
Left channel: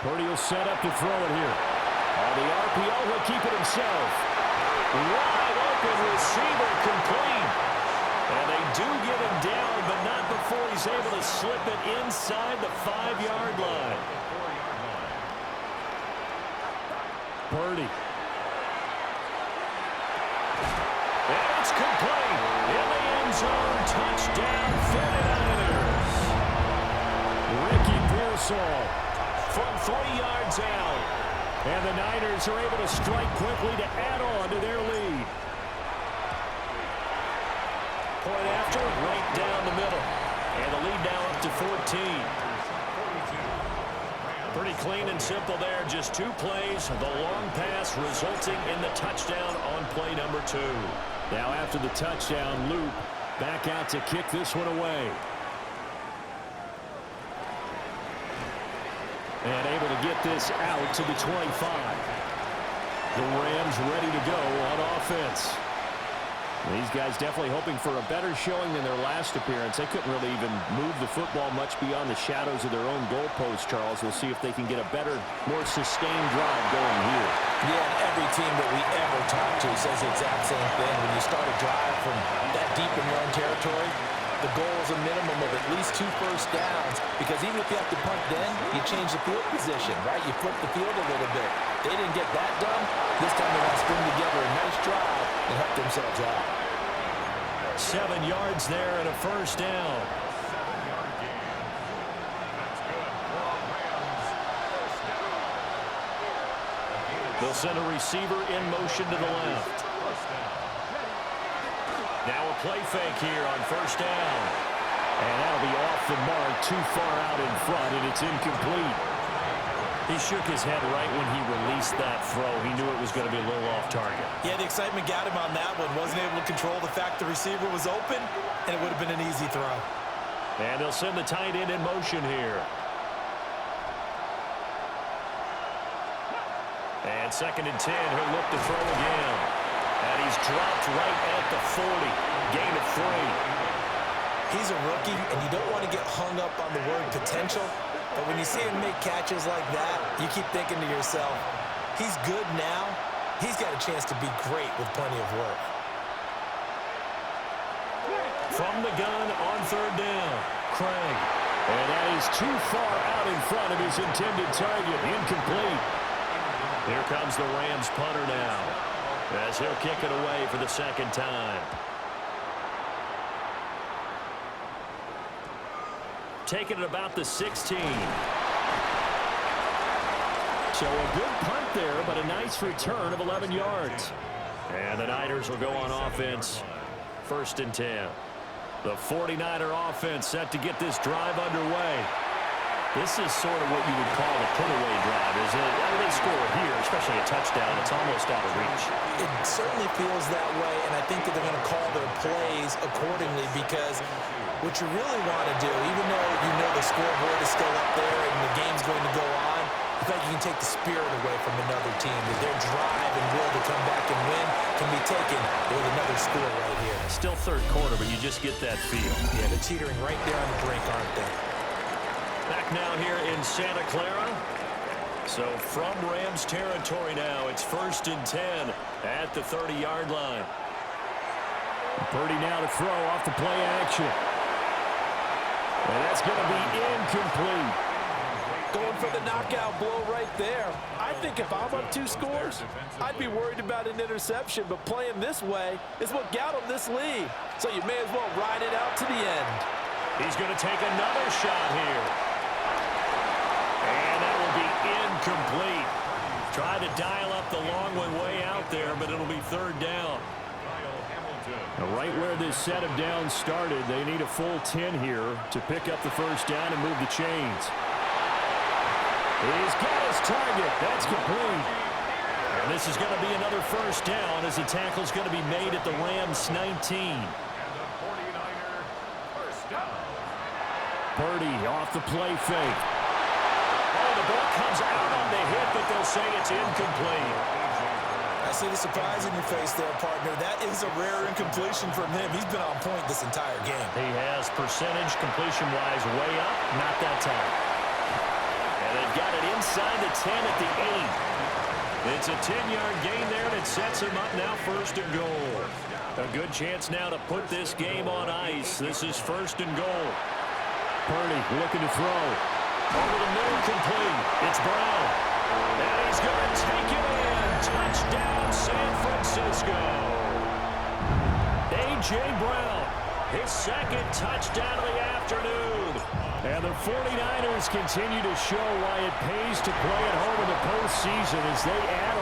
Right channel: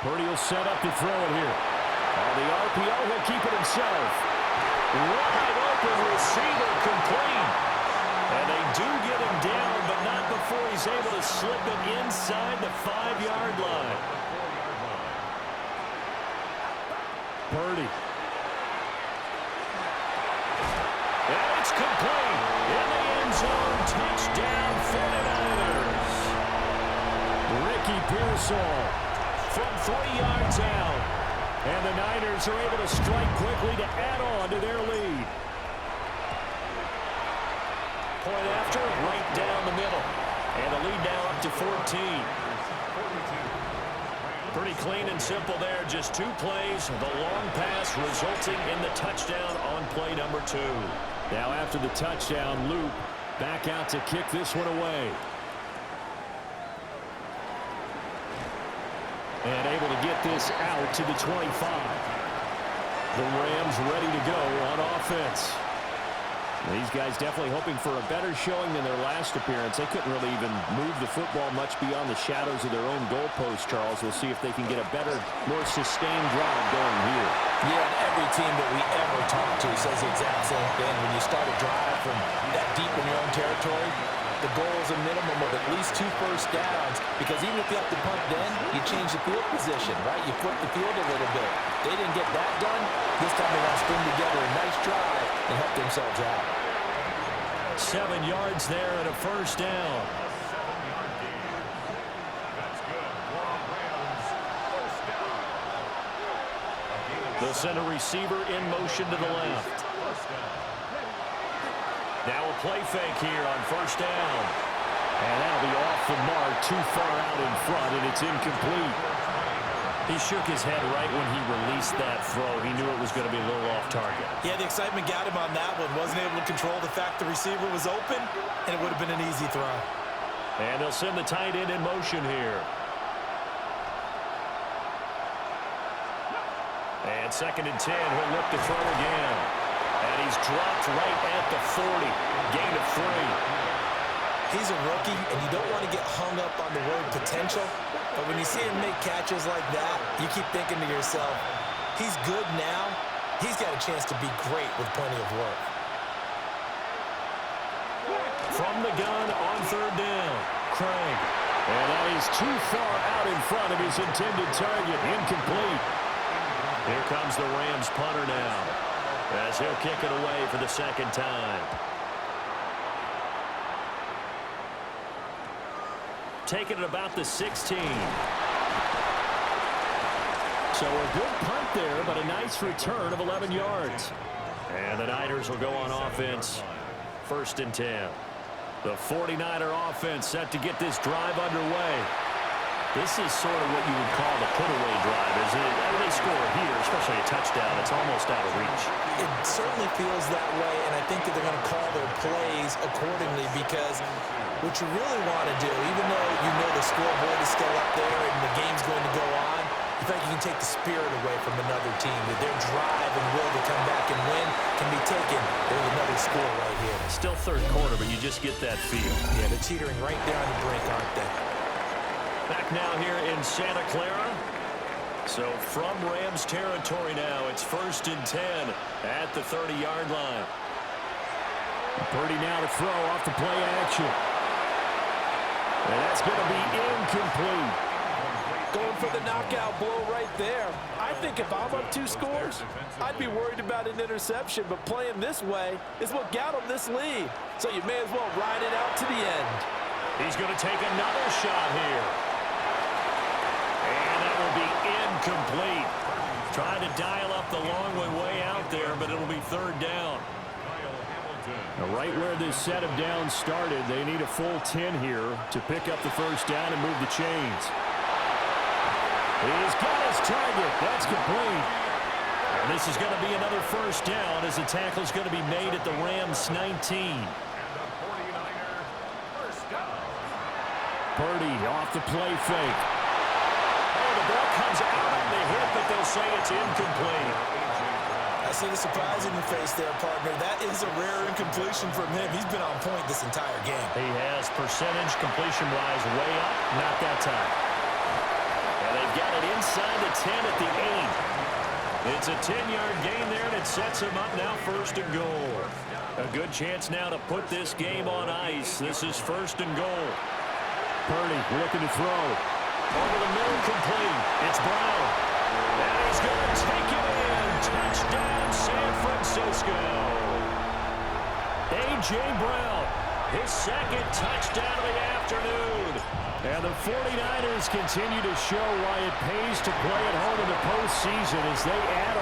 Purdy will set up to throw it here. On the RPO, he'll keep it himself. Wide open receiver complete. And they do get him down, but not before he's able to slip it inside the 5-yard line. Purdy. And it's complete. In the end zone, touchdown 49ers. Ricky Pearsall From 3 yards out. And the Niners are able to strike quickly to add on to their lead. Point after, right down the middle. And the lead now up to 14. Pretty clean and simple there. Just 2 plays. The long pass resulting in the touchdown on play number 2. Now after the touchdown, Loop back out to kick this one away. And able to get this out to the 25. The Rams ready to go on offense. These guys definitely hoping for a better showing than their last appearance. They couldn't really even move the football much beyond the shadows of their own goalpost, Charles. We'll see if they can get a better, more sustained drive going here. Yeah, and every team that we ever talk to says the exact same thing. When you start a drive from that deep in your own territory, the goal is a minimum of at least 2 first downs, because even if you have to punt then, you change the field position, right? You flip the field a little bit. They didn't get that done. This time they want to string together a nice drive and help themselves out. 7 yards there and a first down. A 7-yard gain. That's good for a Rams first down. A gain of They'll send a receiver in motion to the left. first down. Now a play fake here on first down. And that'll be off the mark, too far out in front, and it's incomplete. He shook his head right when he released that throw. He knew it was going to be a little off target. Yeah, the excitement got him on that one. Wasn't able to control the fact the receiver was open, and it would have been an easy throw. And they'll send the tight end in motion here. And 2nd and 10, he'll look to throw again. And he's dropped right at the 40. Gain of 3. He's a rookie, and you don't want to get hung up on the word potential. But when you see him make catches like that, you keep thinking to yourself, he's good now. He's got a chance to be great with plenty of work. From the gun on 3rd down, Craig. And that is too far out in front of his intended target. Incomplete. Here comes the Rams punter now, as he'll kick it away for the 2nd time. Taking it about the 16. So a good punt there, but a nice return of 11 yards. And the Niners will go on offense. 1st and 10. The 49er offense set to get this drive underway. This is sort of what you would call the put-away drive, isn't it? I mean, they score here, especially a touchdown. It's almost out of reach. It certainly feels that way, and I think that they're going to call their plays accordingly, because what you really want to do, even though you know the scoreboard is still up there and the game's going to go on, in fact, you can take the spirit away from another team, that their drive and will to come back and win can be taken with another score right here. Still 3rd quarter, but you just get that feel. Yeah, they're teetering right there on the brink, aren't they? Back now here in Santa Clara. So from Rams territory now, it's 1st and 10 at the 30-yard line. Purdy now to throw off the play action. And that's going to be incomplete. Going for the knockout blow right there. I think if I'm up 2 scores, I'd be worried about an interception, but playing this way is what got him this lead. So you may as well ride it out to the end. He's going to take another shot here. And that will be incomplete. Try to dial up the long one way out there, but it'll be 3rd down. Now, right where this set of downs started, they need a full 10 here to pick up the first down and move the chains. He's got his target. That's complete. And this is going to be another first down, as the tackle's going to be made at the Rams 19. And the 49er first down. Purdy off the play fake. Oh, the ball comes out on the hit, but they'll say it's incomplete. I see the surprise in your face there, partner. That is a rare incompletion from him. He's been on point this entire game. He has percentage completion-wise way up, not that time. And they've got it inside the 10 at the 8. It's a 10-yard gain there, and it sets him up now 1st and goal. A good chance now to put this game on ice. This is 1st and goal. Purdy looking to throw. Over the middle, complete. It's Brown. And he's going to take it in. Touchdown, San Francisco. A.J. Brown, his 2nd touchdown of the afternoon. And the 49ers continue to show why it pays to play at home in the postseason as they add on.